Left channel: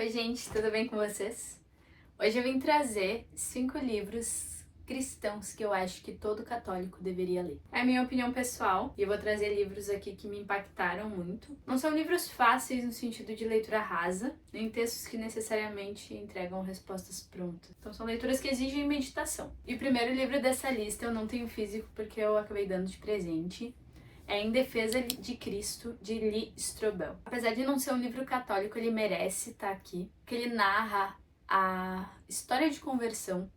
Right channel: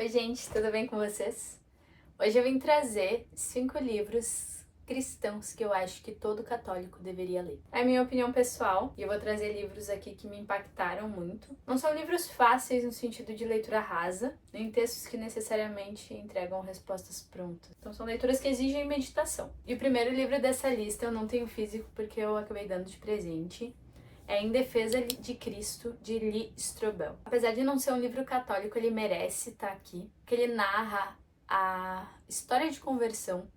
Oi gente, tudo bem com vocês? Hoje eu vim trazer 5 livros cristãos que eu acho que todo católico deveria ler. É a minha opinião pessoal e eu vou trazer livros aqui que me impactaram muito. Não são livros fáceis no sentido de leitura rasa, nem textos que necessariamente entregam respostas prontas. Então são leituras que exigem meditação. E o primeiro livro dessa lista eu não tenho físico porque eu acabei dando de presente. É Em Defesa de Cristo, de Lee Strobel. Apesar de não ser um livro católico, ele merece estar aqui, porque ele narra a história de conversão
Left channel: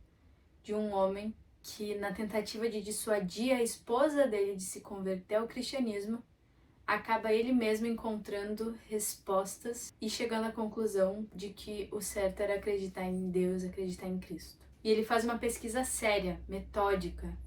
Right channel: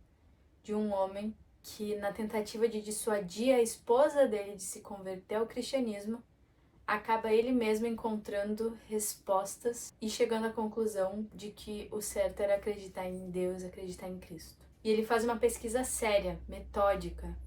de um homem que, na tentativa de dissuadir a esposa dele de se converter ao cristianismo, acaba ele mesmo encontrando respostas e chegando à conclusão de que o certo era acreditar em Deus, acreditar em Cristo. E ele faz uma pesquisa séria, metódica,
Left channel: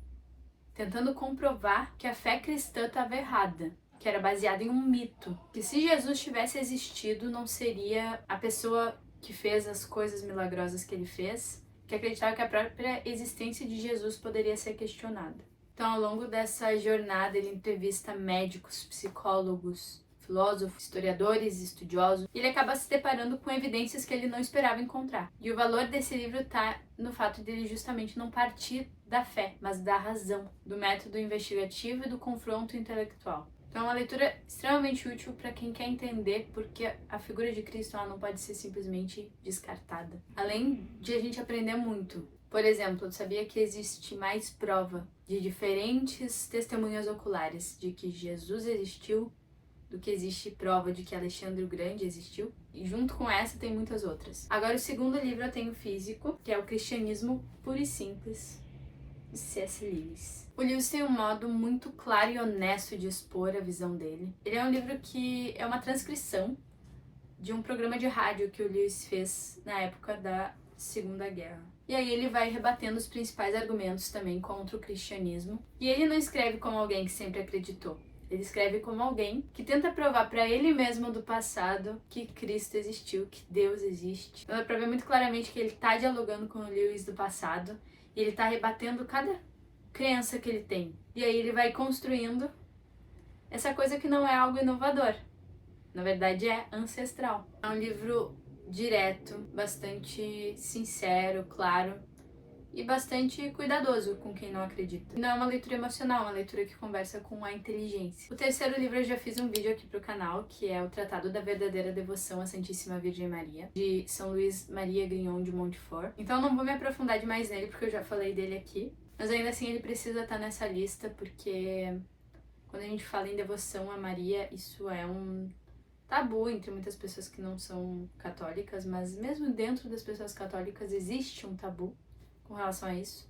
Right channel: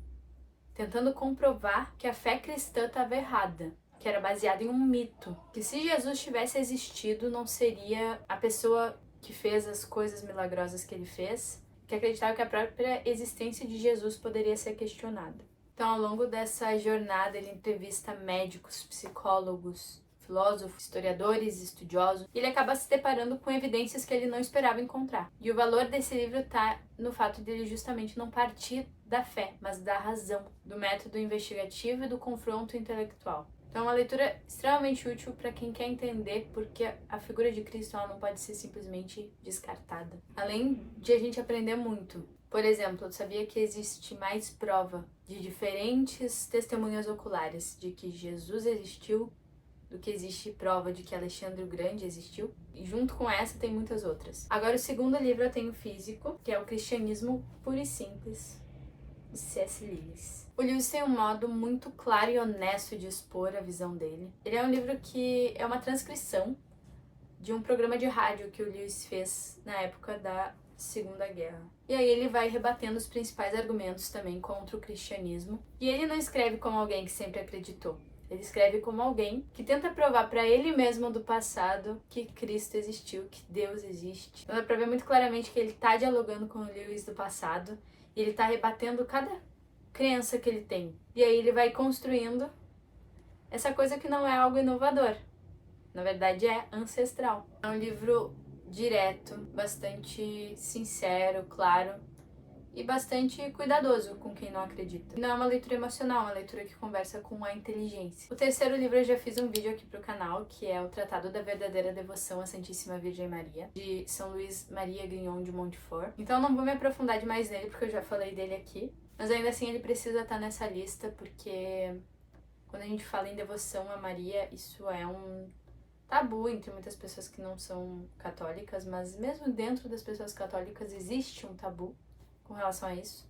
tentando comprovar que a fé cristã estava errada, que era baseada em um mito, que se Jesus tivesse existido, não seria a pessoa que fez as coisas milagrosas que ele fez, que acreditava que a própria existência de Jesus poderia ser questionada. Então, ao longo dessa jornada, ele entrevista médicos, psicólogos, filósofos, historiadores, estudiosos, e ele acaba se deparando com evidências que ele não esperava encontrar. E o valor desse livro está no fato de ele justamente não partir da fé, mas da razão, do método investigativo e do confronto intelectual. Então é uma leitura extremamente útil para quem quer entender porque a figura de Cristo ela não pode ser simplesmente descartada. Além de a gente aprender muito. Por exemplo, eu sabia que existe mais prova de diferentes testemunhas oculares de que Jesus existiu do que existe prova de que Alexandre o Grande existiu. E junto com essa tem muitas outras. Agora o segundo livro eu tenho físico, que é o Cristianismo Puro e Simples, de C.S. Lewis. O Lewis tem um modo muito claro e honesto de expor a visão dele. Ele é um livro que é uma transcrição de um programa de rádio que o Lewis fez na época da Segunda Guerra. E aí ele vai rebatendo os principais argumentos também contra o cristianismo. E ele não escreve como alguém que sempre acreditou. Ele escreve como alguém que tenta provar para ele mesmo do passado que Cristo existiu, que Deus existe. Então dá pra ver muito claramente que ele tá dialogando com o Lewis do passado e ele tá rebatendo cada crença que ele tem. E aí ele vai construindo essa coisa que não é algo inovador. Na verdade é ancestral. É um livro direto, bastante sincero, claro e bastante cuidadoso com quem não acredita. Não é uma leitura emocional, é uma leitura que conversa com a inteligência. O terceiro livro eu já fiz um vídeo aqui pro canal, que é o Tratado da Verdadeira Devoção à Santíssima Virgem Maria, de São Luís Maria Grignon de Montfort. Então eu não vou me aprofundar demais nele, porque eu já falei dele aqui, mas ainda assim ele precisa estar nessa lista, porque quando a gente fala em devoção a Maria, isso é um tabu entre muitas pessoas que não são católicas, mas mesmo dentro das pessoas católicas existe um tabu com relação a isso,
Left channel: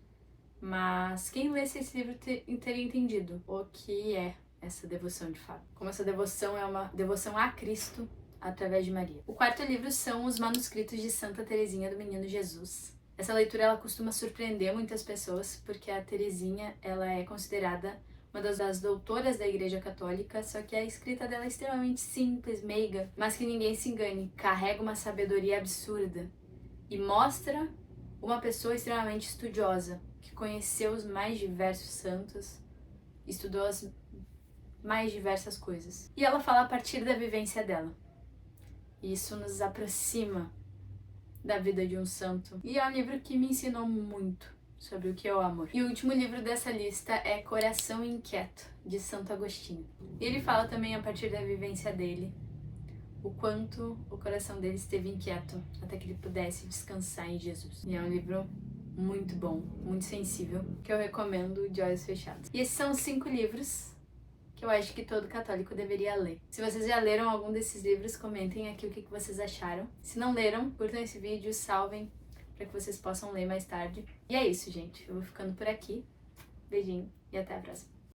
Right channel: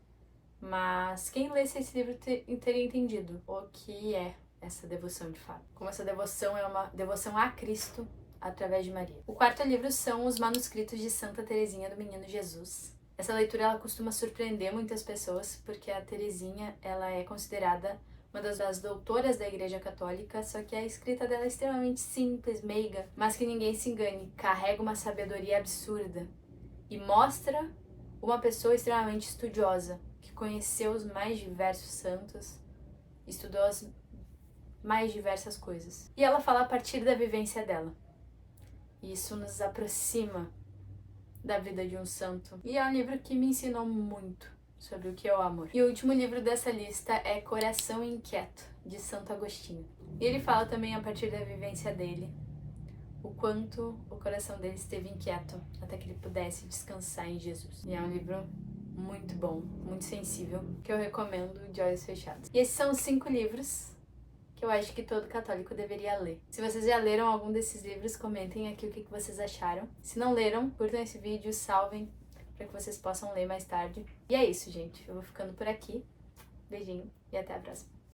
mas quem lesse esse livro teria entendido o que é essa devoção de fato, como essa devoção é uma devoção a Cristo através de Maria. O quarto livro são os manuscritos de Santa Teresinha do Menino Jesus. Essa leitura ela costuma surpreender muitas pessoas, porque a Teresinha ela é considerada uma das doutoras da Igreja Católica, só que a escrita dela é extremamente simples, meiga, mas que ninguém se engane, carrega uma sabedoria absurda e mostra uma pessoa extremamente estudiosa, que conheceu os mais diversos santos, estudou as mais diversas coisas. E ela fala a partir da vivência dela. E isso nos aproxima da vida de um santo. E é um livro que me ensinou muito sobre o que é o amor. E o último livro dessa lista é Coração Inquieto, de Santo Agostinho. E ele fala também a partir da vivência dele, o quanto o coração dele esteve inquieto até que ele pudesse descansar em Jesus. E é um livro muito bom, muito sensível, que eu recomendo de olhos fechados. E esses são os 5 livros que eu acho que todo católico deveria ler. Se vocês já leram algum desses livros, comentem aqui o que vocês acharam. Se não leram, curtam esse vídeo, salvem para que vocês possam ler mais tarde. E é isso, gente. Eu vou ficando por aqui. Beijinho e até a próxima.